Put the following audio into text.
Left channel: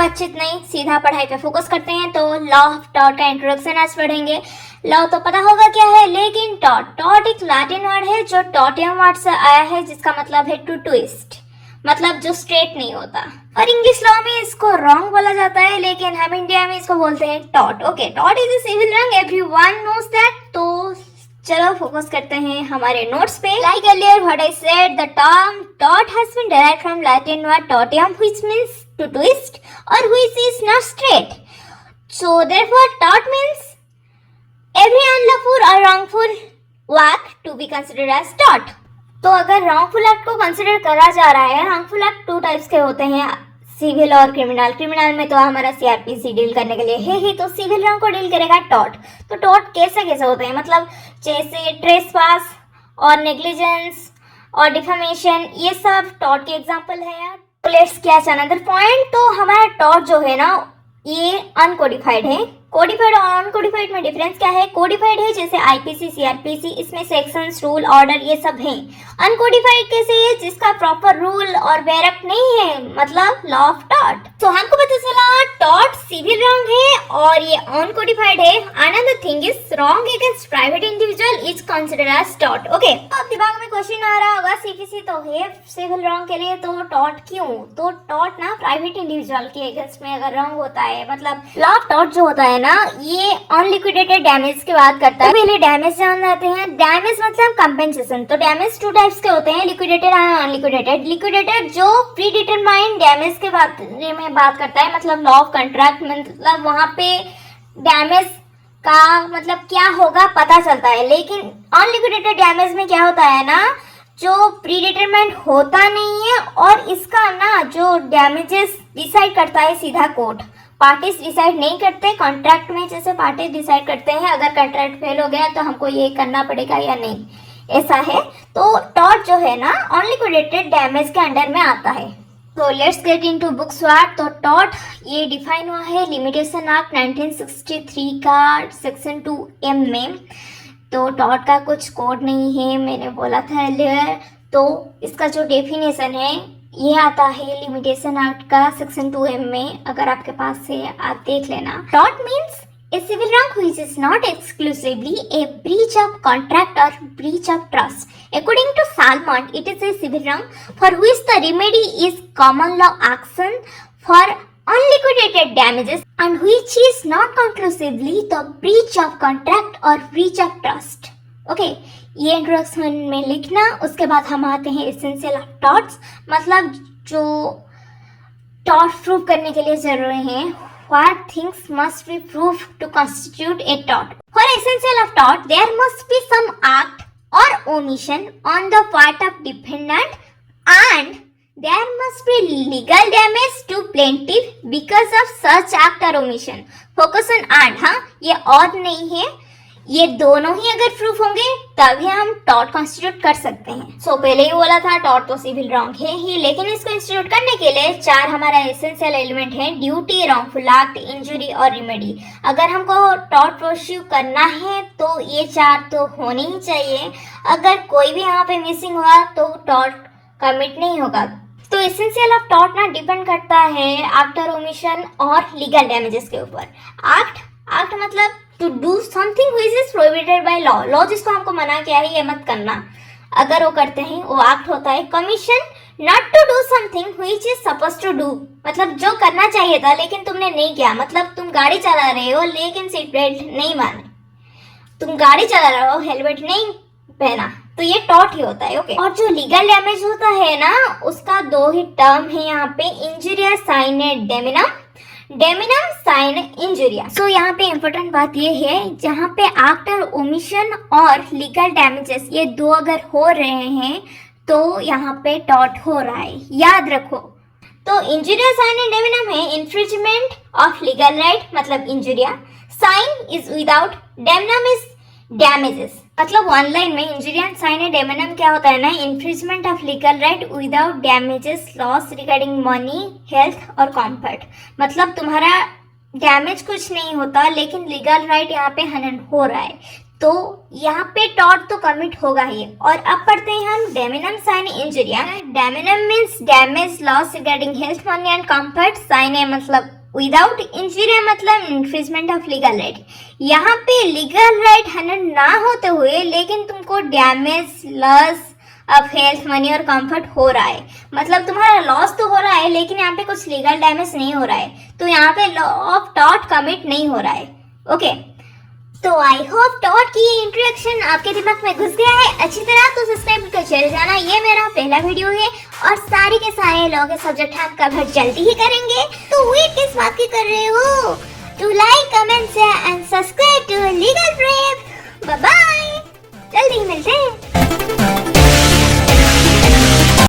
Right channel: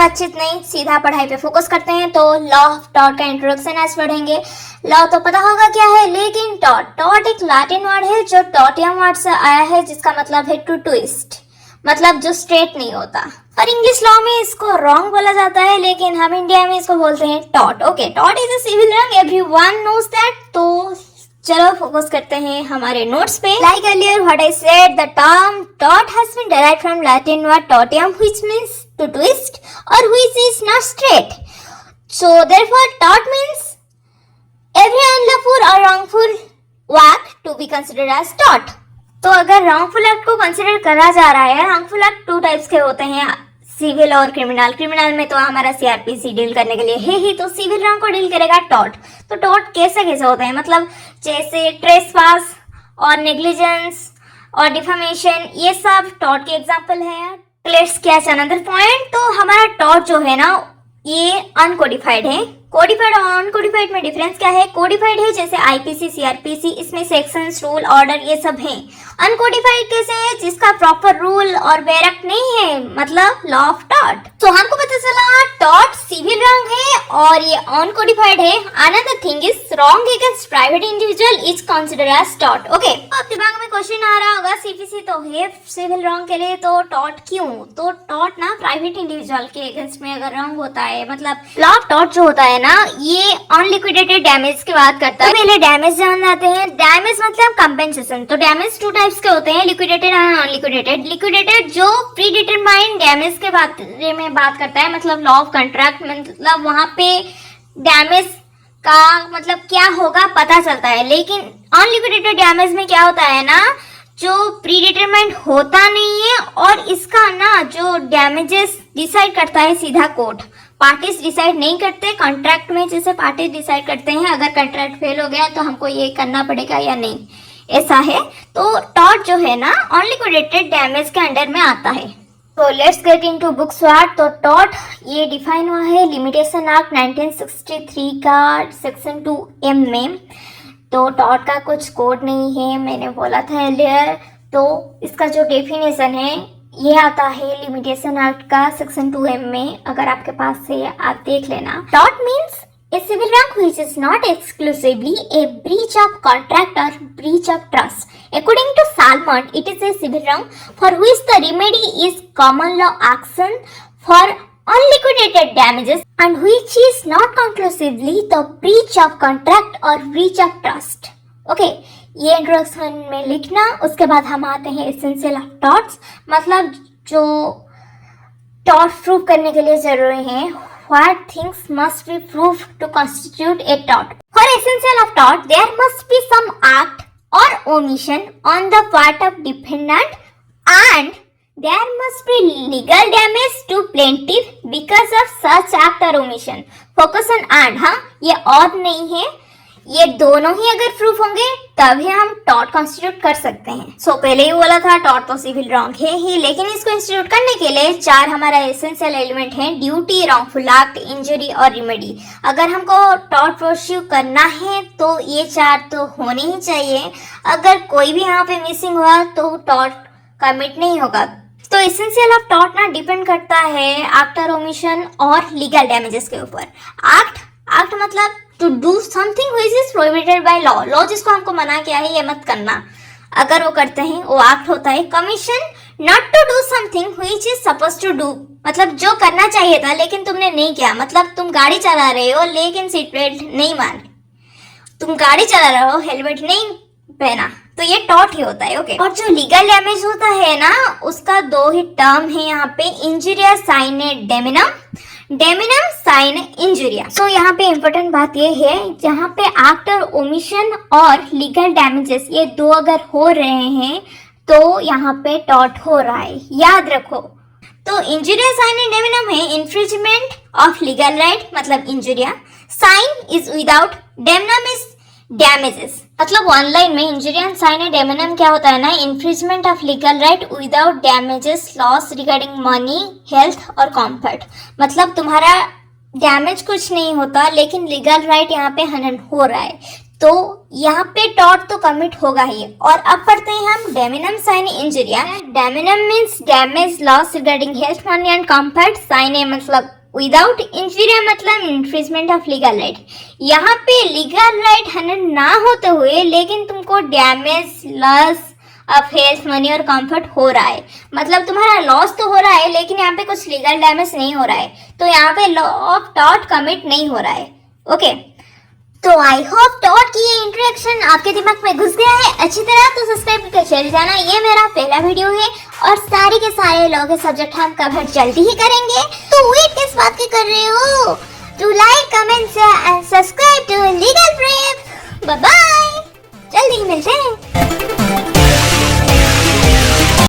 बातचीत नहीं, सीधा पढ़ाई पे फोकस करते हैं। तो लॉ ऑफ टॉट का इंट्रोडक्शन आज पढ़ेंगे। लॉ तो पता होगा क्या है, लेकिन टॉट टॉट एक लैटिन वर्ड है जो टॉटियम वर्ड से आया है, जिसका मतलब है टू ट्विस्ट, मतलब जो स्ट्रेट नहीं होता। और इंग्लिश लॉ में इसको रॉन्ग बोला जाता है, लेकिन हम इंडिया में इसको बोलते हैं taught. Okay, taught is a civil रंग, एवरीवन नोज दैट। तो चलो फोकस करते हैं हमारे नोट्स पे। Like earlier what I said, the term taught has been derived from Latin word totium, which means to twist or which is not straight. So therefore tort means every unlawful or wrongful act to be considered as tort. तो अगर wrongful act को consider करा जा रहा है, wrongful act two types के होते हैं, सिविल और क्रिमिनल। क्रिमिनल में तो हमारा सीआरपीसी डील करने के लिए है, तो सिविल रॉन्ग को डील करेगा टॉट। तो टॉट कैसे कैसे होते हैं, मतलब जैसे ट्रेसपास और नेग्लिजेंस और डिफेमेशन, ये सब टॉट के एग्जांपल है। Let's catch another point. तो हमारा टॉट जो है ना, ये अनकोडिफाइड है। कोडिफाइड और अनकोडिफाइड में डिफरेंस क्या है? कोडिफाइड है जैसे आईपीसी, सीआरपीसी, इसमें सेक्शंस, रूल, ऑर्डर ये सब हैं। अनकोडिफाइड कैसे है? जिसका प्रॉपर रूल और बैरक नहीं है, मतलब लॉ ऑफ टॉट। तो हमको पता चला टॉट सिविल रॉन्ग है और ये अनकोडिफाइड है। Another thing is wrong against private individual is considered as टॉट। ओके, अब दिमाग में क्वेश्चन आ रहा होगा, सीपीसी तो है सिविल रॉन्ग के लिए, तो टॉट क्यों? तो टॉट ना प्राइवेट इंडिविजुअल के अगेंस्ट में अगर रॉन्ग होता है, मतलब लॉ ऑफ टॉट जो होता है ना, ये अनलिक्विडेटेड डैमेज की बात करता है। पहले डैमेज जान जाते हैं। डैमेज मतलब कंपेंसेशन। तो डैमेज टू टाइप्स के होते हैं, लिक्विडेटेड और अनलिक्विडेटेड। लिक्विडेटेड जो प्री डिटरमाइंड डैमेज के बारे में बात करता है, मतलब लॉ ऑफ कॉन्ट्रैक्ट, मतलब वहां पे डैमेज का मतलब क्या होगा पता चलता है। लेकिन अनलिक्विडेटेड डैमेज में क्या होता है ना, जो प्री डिटरमाइंड होता नहीं है, और इसका ना जो डैमेजेस डिसाइड करता है सीधा कोर्ट, पार्टीज डिसाइड नहीं करते। कॉन्ट्रैक्ट में जैसे पार्टीज डिसाइड करते हैं अगर कॉन्ट्रैक्ट फेल हो गया तो हमको ये करना पड़ेगा या नहीं, ऐसा है। तो टॉट जो है ना, अनलिक्विडेटेड डैमेज के अंडर में आता है। तो let's get into books word. तो टॉट ये डिफाइन हुआ है लिमिटेशन एक्ट 1963 का सेक्शन 2M में। तो टॉट का कुछ कोड नहीं है, मैंने बोला था अर्लियर। तो इसका जो डेफिनेशन है ये आता है लिमिटेशन एक्ट का सेक्शन 2M में, अगर आपके पास है आप देख लेना। Taught means a civil wrong which is not exclusively a breach of contract or breach of trust. According to Salmond, it is a civil wrong for which the remedy is common law action for unliquidated damages and which is not conclusively the breach of contract or breach of trust. Okay, ये introduction में लिखना। उसके बाद हम आते हैं essential of thoughts, मतलब जो टॉट प्रूव करने के लिए जरूरी है। What things must be proved to constitute a tort? For essential of tort, there must be some act or omission on the part of defendant, and there must be legal damage to plaintiff because of such act or omission. Focus on and, हाँ, ये और नहीं है, ये दोनों ही अगर proof होंगे तभी हम टॉट कॉन्स्टिट्यूट कर सकते हैं। सो पहले ही बोला था टॉट तो सिविल रॉन्ग है ही, लेकिन इसको इंस्टीट्यूट करने के लिए 4 हमारा एसेंशियल एलिमेंट है, ड्यूटी, रॉन्गफुल एक्ट, इंजरी और रिमेडी। अगर हमको टॉट प्रोस्यू करना है तो ये 4 तो होने ही चाहिए। अगर कोई भी यहाँ पे मिसिंग हुआ तो टॉट कमिट नहीं होगा। तो एसेंशियल ऑफ टॉट ना डिपेंड करता है एक्ट और ओमिशन और लीगल डैमेजेस के ऊपर। एक्ट मतलब to do something which is prohibited by law. Law जिसको हमको मना किया है ये मत करना, अगर वो करते हैं वो एक्ट होता है। Commission not to do something which is supposed to do, मतलब जो करना चाहिए था लेकिन तुमने नहीं किया। मतलब तुम गाड़ी चला रहे हो लेकिन सीट बेल्ट नहीं माने, तुम गाड़ी चला रहे हो हेलमेट नहीं पहना, तो ये टॉट ही होता है। ओके, और जो लीगल डैमेज होता है ना, उसका 2 ही टर्म है यहाँ पे, इंजुरिया साइने डेमिनम, डेमिनम साइन इंजुरिया। सो यहाँ पे इम्पोर्टेंट बात ये है, जहाँ पे एक्ट और ओमिशन और लीगल डैमेजेस ये 2 अगर हो रहे हैं तो यहाँ पे टॉट हो रहा है, याद रखो। तो इंजुरिया साइन एंड डेमिनम है इन्फ्रिंजमेंट ऑफ लीगल राइट, मतलब injuria. Sine is without, damnum is damages. मतलब वन लाइन में injuria and sine and damnum क्या होता है ना, infringement of legal right without damages, loss regarding money, health और कंफर्ट। मतलब तुम्हारा डैमेज कुछ नहीं होता लेकिन लीगल राइट यहाँ पे हनन हो रहा है, तो यहाँ पे टॉट तो कमिट होगा ही। और अब पढ़ते हैं हम damnum sine injuria. Damnum means damage, loss regarding health, money and comfort. Sine मतलब विदाउट, इंजुरिया मतलब इन्फ्रिजमेंट ऑफ लीगल राइट। यहाँ पे लीगल राइट है ना होते हुए लेकिन तुमको damage, loss of health, money और कंफर्ट हो रहा है, मतलब तुम्हारा लॉस तो हो रहा है लेकिन यहाँ पे कुछ लीगल डैमेज नहीं हो रहा है, तो यहाँ पे लॉ ऑफ टॉर्ट कमिट नहीं हो रहा है। ओके, तो आई होप टॉर्ट की इंट्रोडक्शन आपके दिमाग में घुस गया है अच्छी तरह, तो सब्सक्राइब करके चले जाना। ये मेरा पहला वीडियो है और सारे के सारे लॉ के सब्जेक्ट हम कवर जल्दी ही करेंगे, तो वेट किस बात की कर रहे हो? To like, comment and subscribe to legal brave. Bye bye, जल्दी ही मिलते हैं।